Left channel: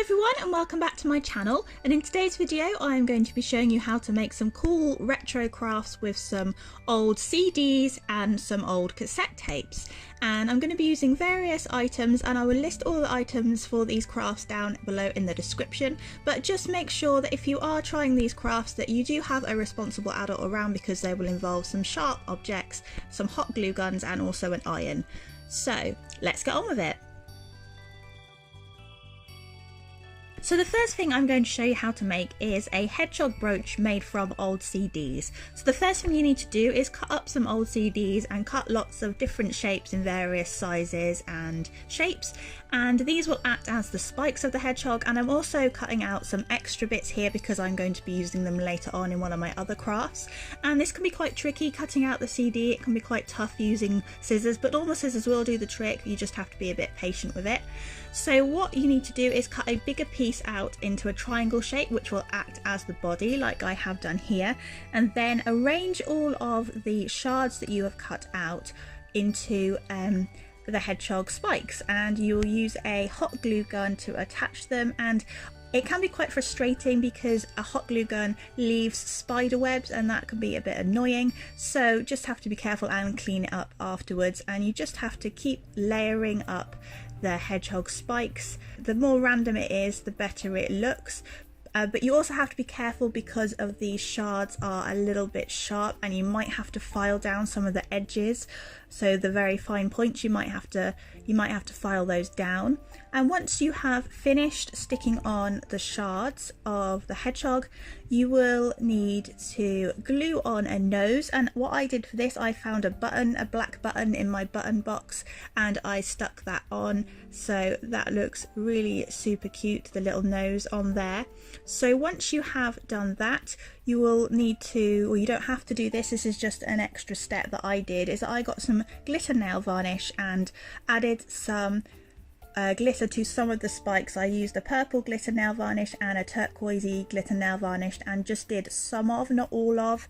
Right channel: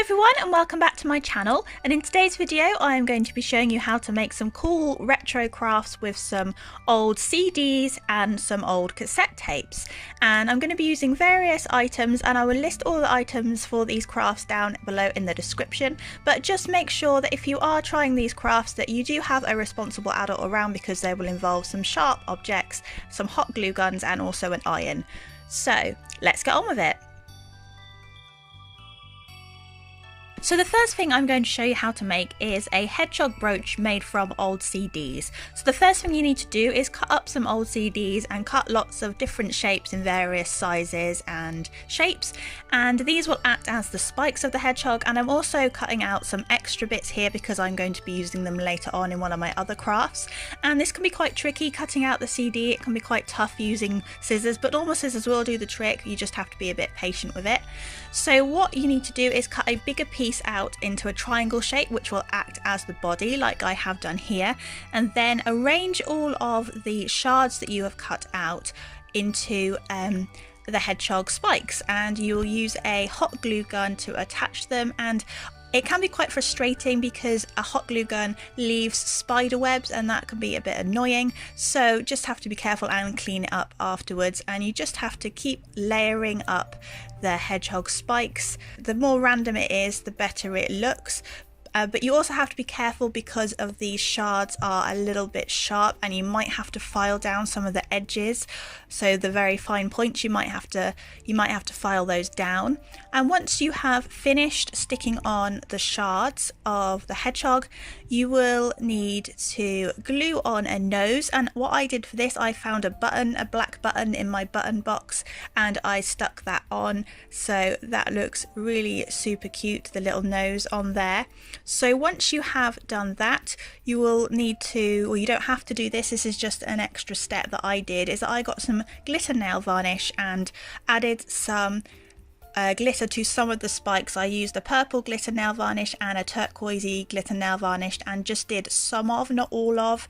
everyone and welcome back to my channel, and in today's video I am going to be showing you how to make some cool retro crafts with some old CDs and some old cassette tapes. And I'm going to be using various items, and I will list all the items for these crafts down below in the description, but just make sure that if you are trying these crafts that you do have a responsible adult around, because they will involve some sharp objects, some hot glue guns and also an iron. So let's get on with it. So the first thing I'm going to show you how to make is a hedgehog brooch made from old CDs. So the first thing you need to do is cut up some old CDs and cut lots of different shapes in various sizes and shapes, and these will act as the spikes of the hedgehog. And I'm also cutting out some extra bits here because I'm going to be using them later on in one of my other crafts, and this can be quite tricky cutting out the CD. It can be quite tough using scissors, but normal scissors will do the trick. You just have to be a bit patient with it. So what you need to do is cut a bigger piece out into a triangle shape, which will act as the body like I have done here, and then arrange all of the shards that you have cut out into the hedgehog spikes, and you'll use a hot glue gun to attach them. And it can be quite frustrating because a hot glue gun leaves spider webs, and that can be a bit annoying, so just have to be careful and clean it up afterwards. And you just have to keep layering up the hedgehog spikes. The more random it is, the better it looks. But you also have to be careful because of these shards are a little bit sharp, and you might have to file down some of the edges. So the very fine points, you might have to file those down. And once you have finished sticking on the shards of the hedgehog, you will need to glue on a nose. And what I did for this, I found a black button in my button box, and I stuck that on. So that looks really super cute, the little nose on there. So once you have done that, you will need to, well, you don't have to do this, this is just an extra step that I did, is that I got some glitter nail varnish and added some glitter to some of the spikes. I used a purple glitter nail varnish and a turquoisey glitter nail varnish, and just did some of, not all of,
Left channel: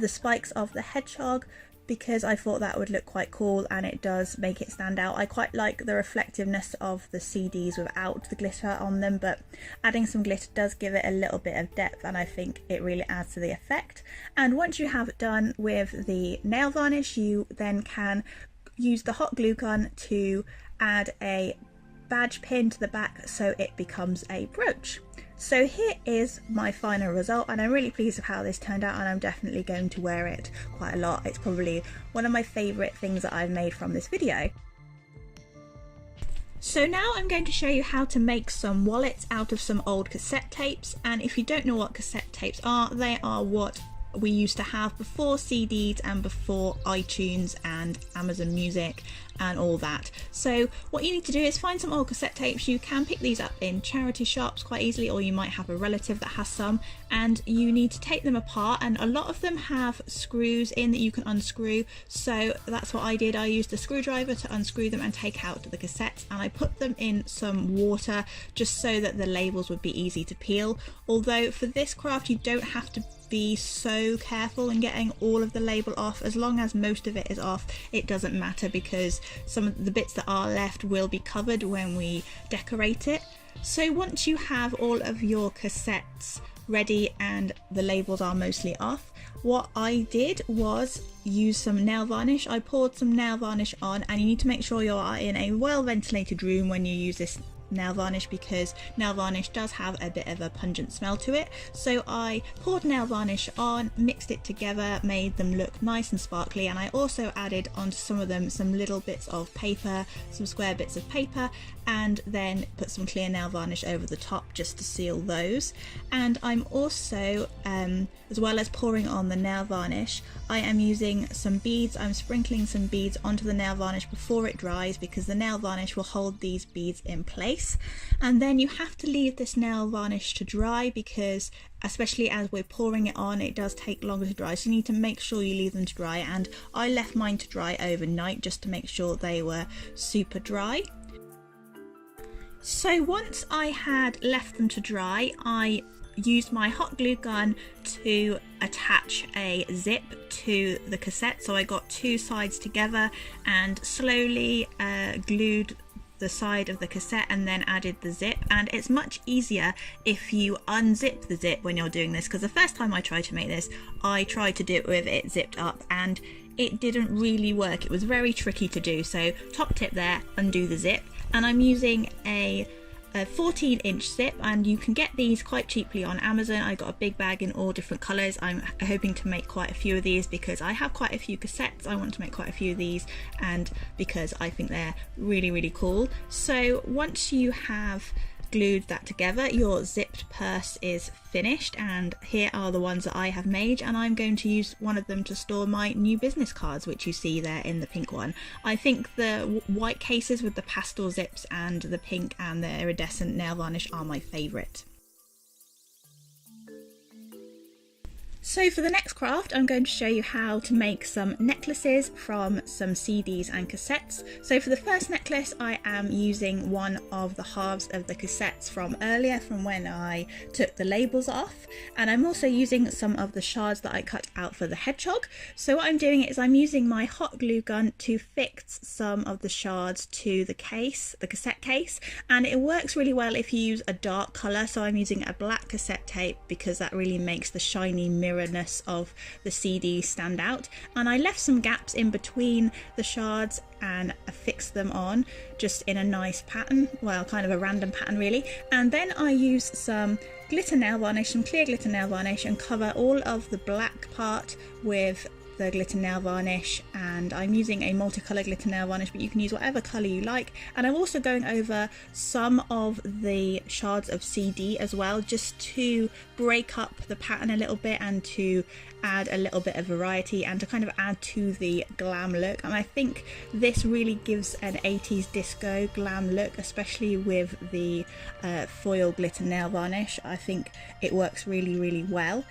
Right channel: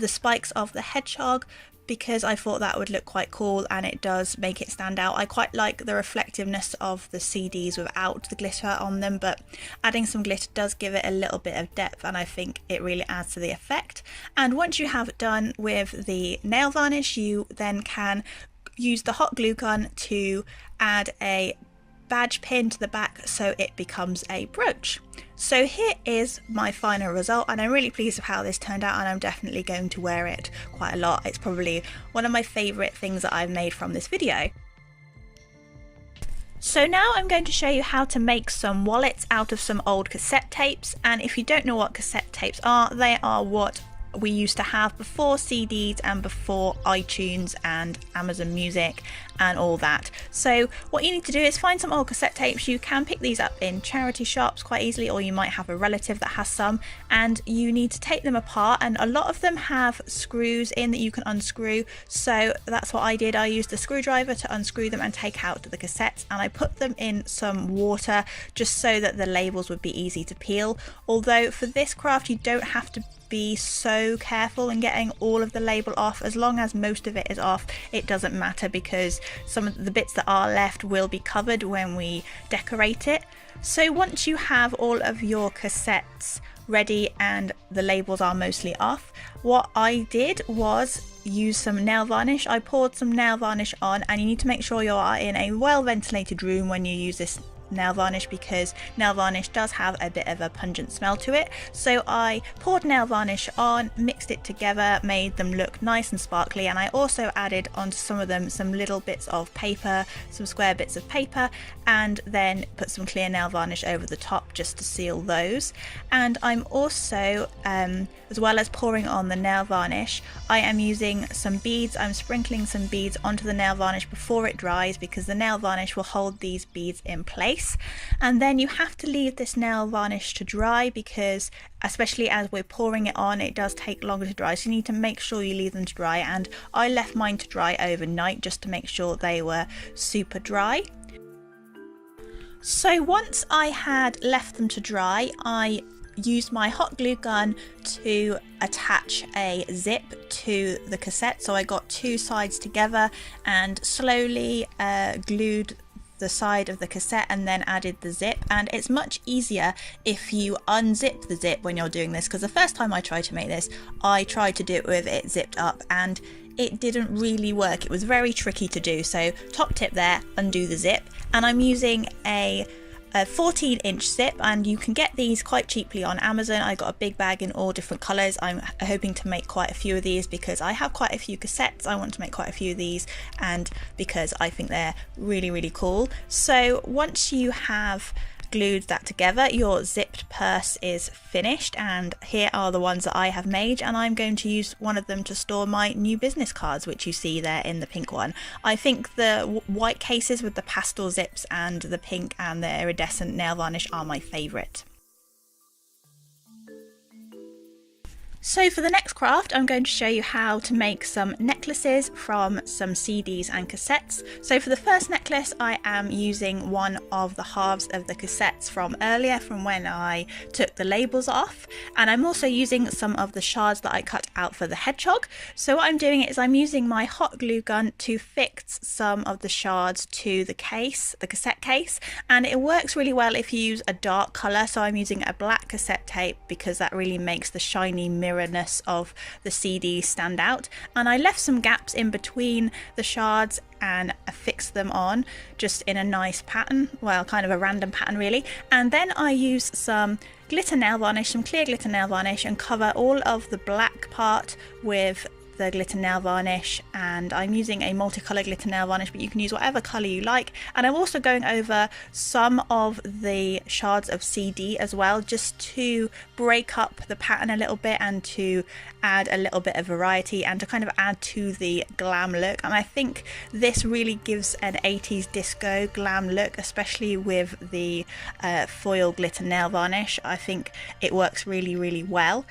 the spikes of the hedgehog, because I thought that would look quite cool and it does make it stand out. I quite like the reflectiveness of the CDs without the glitter on them, but adding some glitter does give it a little bit of depth, and I think it really adds to the effect. And once you have done with the nail varnish, you then can use the hot glue gun to add a badge pin to the back so it becomes a brooch. So here is my final result, and I'm really pleased with how this turned out, and I'm definitely going to wear it quite a lot. It's probably one of my favourite things that I've made from this video. So now I'm going to show you how to make some wallets out of some old cassette tapes. And if you don't know what cassette tapes are, they are what we used to have before CDs and before iTunes and Amazon Music and all that. So what you need to do is find some old cassette tapes. You can pick these up in charity shops quite easily, or you might have a relative that has some, and you need to take them apart. And a lot of them have screws in that you can unscrew, so that's what I did. I used a screwdriver to unscrew them and take out the cassettes, and I put them in some water just so that the labels would be easy to peel. Although for this craft you don't have to be so careful in getting all of the label off. As long as most of it is off, it doesn't matter, because some of the bits that are left will be covered when we decorate it. So once you have all of your cassettes ready and the labels are mostly off, what I did was use some nail varnish. I poured some nail varnish on, and you need to make sure you are in a well ventilated room when you use this nail varnish, because nail varnish does have a bit of a pungent smell to it. So I poured nail varnish on, mixed it together, made them look nice and sparkly, and I also added onto some of them some little bits of paper, some square bits of paper, and then put some clear nail varnish over the top just to seal those. And I'm also, as well as pouring on the nail varnish, I am using some beads. I'm sprinkling some beads onto the nail varnish before it dries, because the nail varnish will hold these beads in place. And then you have to leave this nail varnish to dry, because especially as we're pouring it on, it does take longer to dry, so you need to make sure you leave them to dry. And I left mine to dry overnight just to make sure they were super dry. So once I had left them to dry, I used my hot glue gun to attach a zip to the cassette. So I got two sides together and slowly glued the side of the cassette and then added the zip. And it's much easier if you unzip the zip when you're doing this, because the first time I tried to make this, I tried to do it with it zipped up and it didn't really work. It was very tricky to do. So top tip there, undo the zip. And I'm using a 14-inch zip, and you can get these quite cheaply on Amazon. I got a big bag in all different colours. I'm hoping to make quite a few of these because I have quite a few cassettes. I want to make quite a few of these, and because I think they're really cool. So once you have glued that together, your zipped purse is finished, and here are the ones that I have made, and I'm going to use one of them to store my new business cards, which you see there in the pink one. I think the white cases with the pastel zips and the pink and the iridescent nail varnish are my favourite. So for the next craft, I'm going to show you how to make some necklaces from some CDs and cassettes. So for the first necklace, I am using one of the halves of the cassettes from earlier, from when I took the labels off. And I'm also using some of the shards that I cut out for the hedgehog. So what I'm doing is I'm using my hot glue gun to fix some of the shards to the case, the cassette case. And it works really well if you use a dark colour. So I'm using a black cassette tape because that really makes the shiny mirrorness of the CD stand out. And I left some gaps in between the shards and affixed them on just in a nice pattern, well, kind of a random pattern really. And then I use some glitter nail varnish, some clear glitter nail varnish, and cover all of the black part with the glitter nail varnish. And I'm using a multicolour glitter nail varnish, but you can use whatever colour you like. And I'm also going over some of the shards of CD as well, just to break up the pattern a little bit and to add a little bit of variety and to kind of add to the glam look. And I think this really gives an 80s disco glam look, especially with the foil glitter nail varnish. I think it works really well.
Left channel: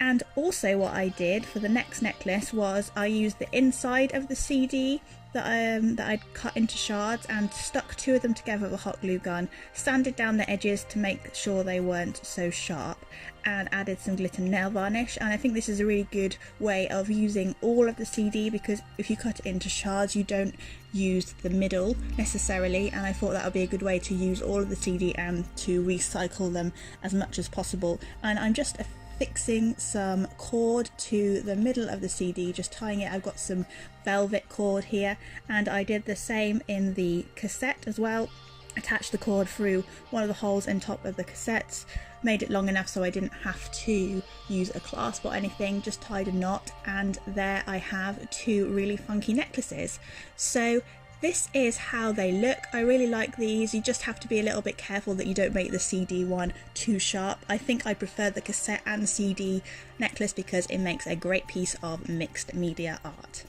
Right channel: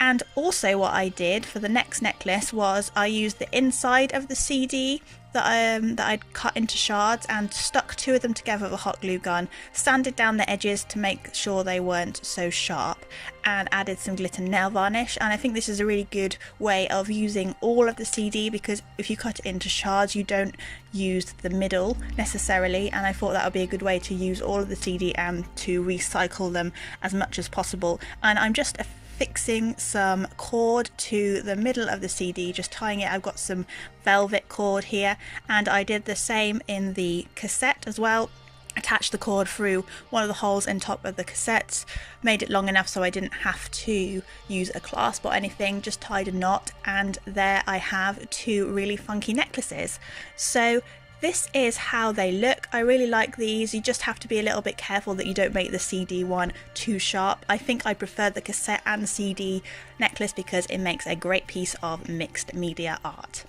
And also what I did for the next necklace was I used the inside of the CD that I'd cut into shards and stuck two of them together with a hot glue gun, sanded down the edges to make sure they weren't so sharp, and added some glitter nail varnish. And I think this is a really good way of using all of the CD, because if you cut it into shards you don't use the middle necessarily, and I thought that would be a good way to use all of the CD and to recycle them as much as possible. And I'm just fixing some cord to the middle of the CD, just tying it. I've got some velvet cord here, and I did the same in the cassette as well. Attached the cord through one of the holes in top of the cassettes, made it long enough so I didn't have to use a clasp or anything, just tied a knot, and there I have two really funky necklaces. So this is how they look. I really like these. You just have to be a little bit careful that you don't make the CD one too sharp. I think I prefer the cassette and CD necklace because it makes a great piece of mixed media art.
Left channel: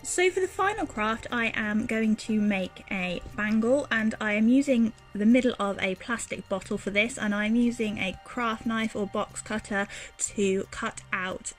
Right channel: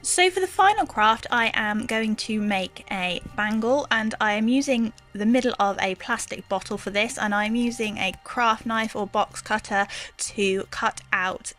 So for the final craft, I am going to make a bangle, and I am using the middle of a plastic bottle for this, and I'm using a craft knife or box cutter to cut out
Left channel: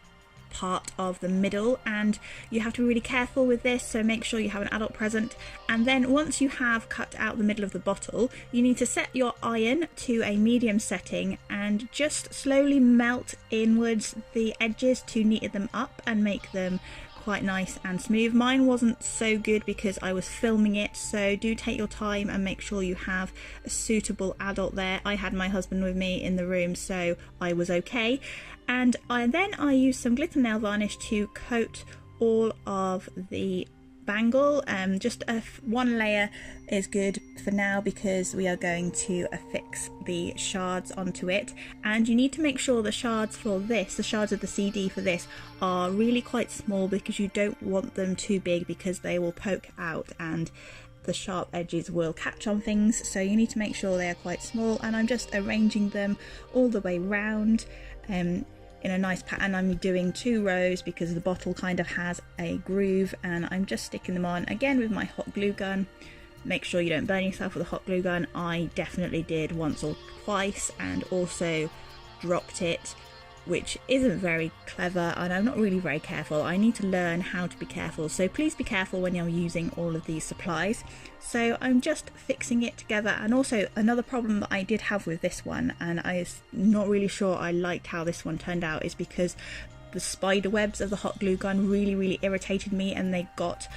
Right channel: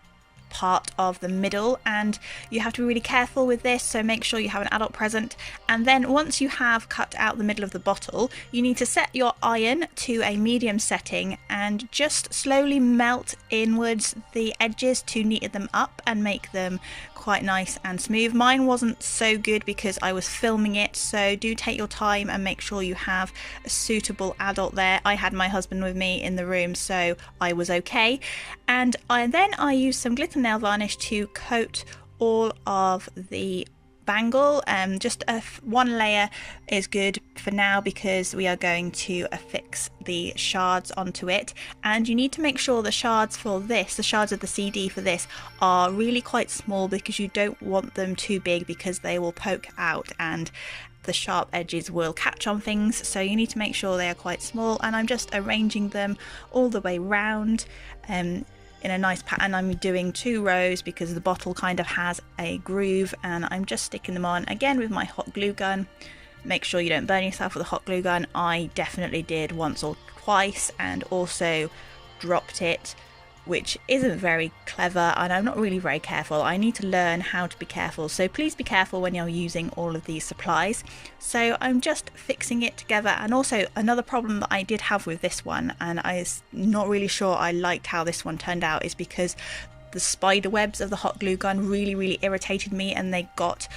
part of the middle. And you have to be really careful with this, so make sure you have an adult present. And then once you have cut out the middle of the bottle, you need to set your iron to a medium setting and just slowly melt inwards the edges to neaten them up and make them quite nice and smooth. Mine wasn't so good because I was filming it, so do take your time and make sure you have a suitable adult there. I had my husband with me in the room, so I was okay. And then I used some glitter nail varnish to coat all of the bangle. Just one layer is good for now because we are going to affix the shards onto it, and you need to make sure the shards for this, the shards of the CD for this, are really quite small because you don't want them too big because they will poke out and the sharp edges will catch on things. So you need to make sure they are quite small, and I'm just arranging them all the way round in a nice pattern. I'm doing 2 rows because the bottle kind of has a groove, and I'm just sticking them on again with my hot glue gun. Make sure you don't burn yourself with a hot glue gun. I definitely did once or twice and also dropped it which isn't very clever, and I'm not really very careful. I need to learn how to be careful, so please be careful when you're using all of these supplies. So I'm just fixing it together. And also another problem that I did have with this one, and I'm not really sure I liked how this one turned out, is because the spider webs of the hot glue gun really irritated me, and they got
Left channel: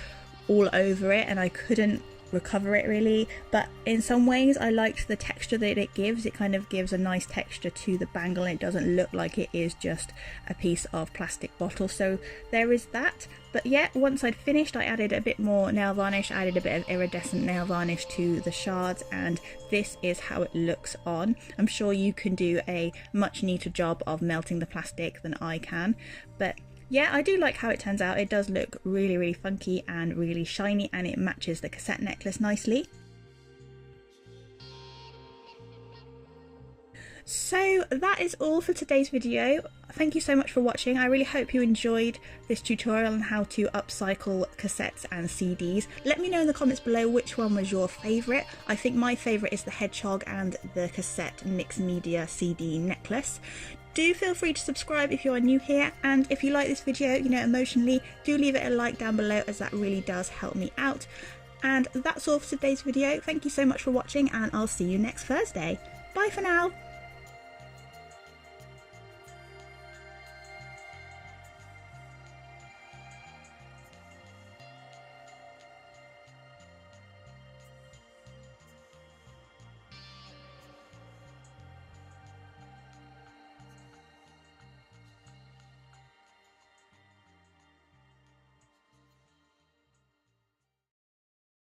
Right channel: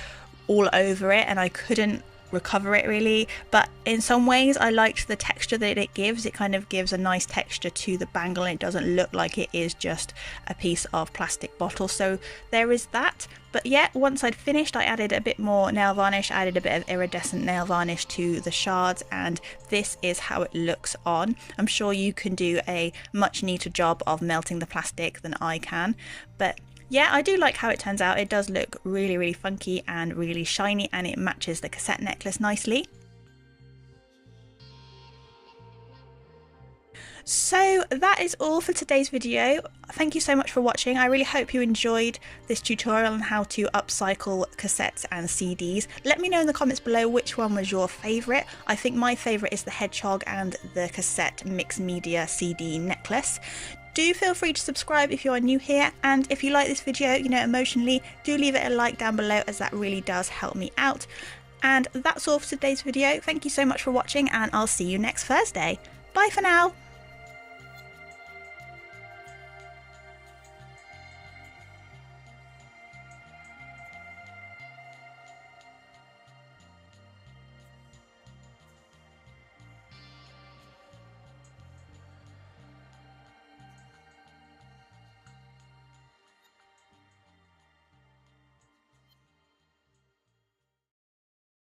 all over it and I couldn't recover it really. But in some ways I liked the texture that it gives. It kind of gives a nice texture to the bangle, and it doesn't look like it is just a piece of plastic bottle, so there is that. But yeah, once I'd finished, I added a bit more nail varnish, added a bit of iridescent nail varnish to the shards, and this is how it looks on. I'm sure you can do a much neater job of melting the plastic than I can, but yeah, I do like how it turns out. It does look really funky and really shiny, and it matches the cassette necklace nicely. So that is all for today's video. Thank you so much for watching. I really hope you enjoyed this tutorial on how to upcycle cassettes and CDs. Let me know in the comments below which one was your favourite. I think my favourite is the Hedgehog and the cassette mixed media CD necklace. Do feel free to subscribe if you are new here, and if you like this video, emotionally, do leave it a like down below, as that really does help me out. And that's all for today's video. Thank you so much for watching, and I'll see you next Thursday. Bye for now.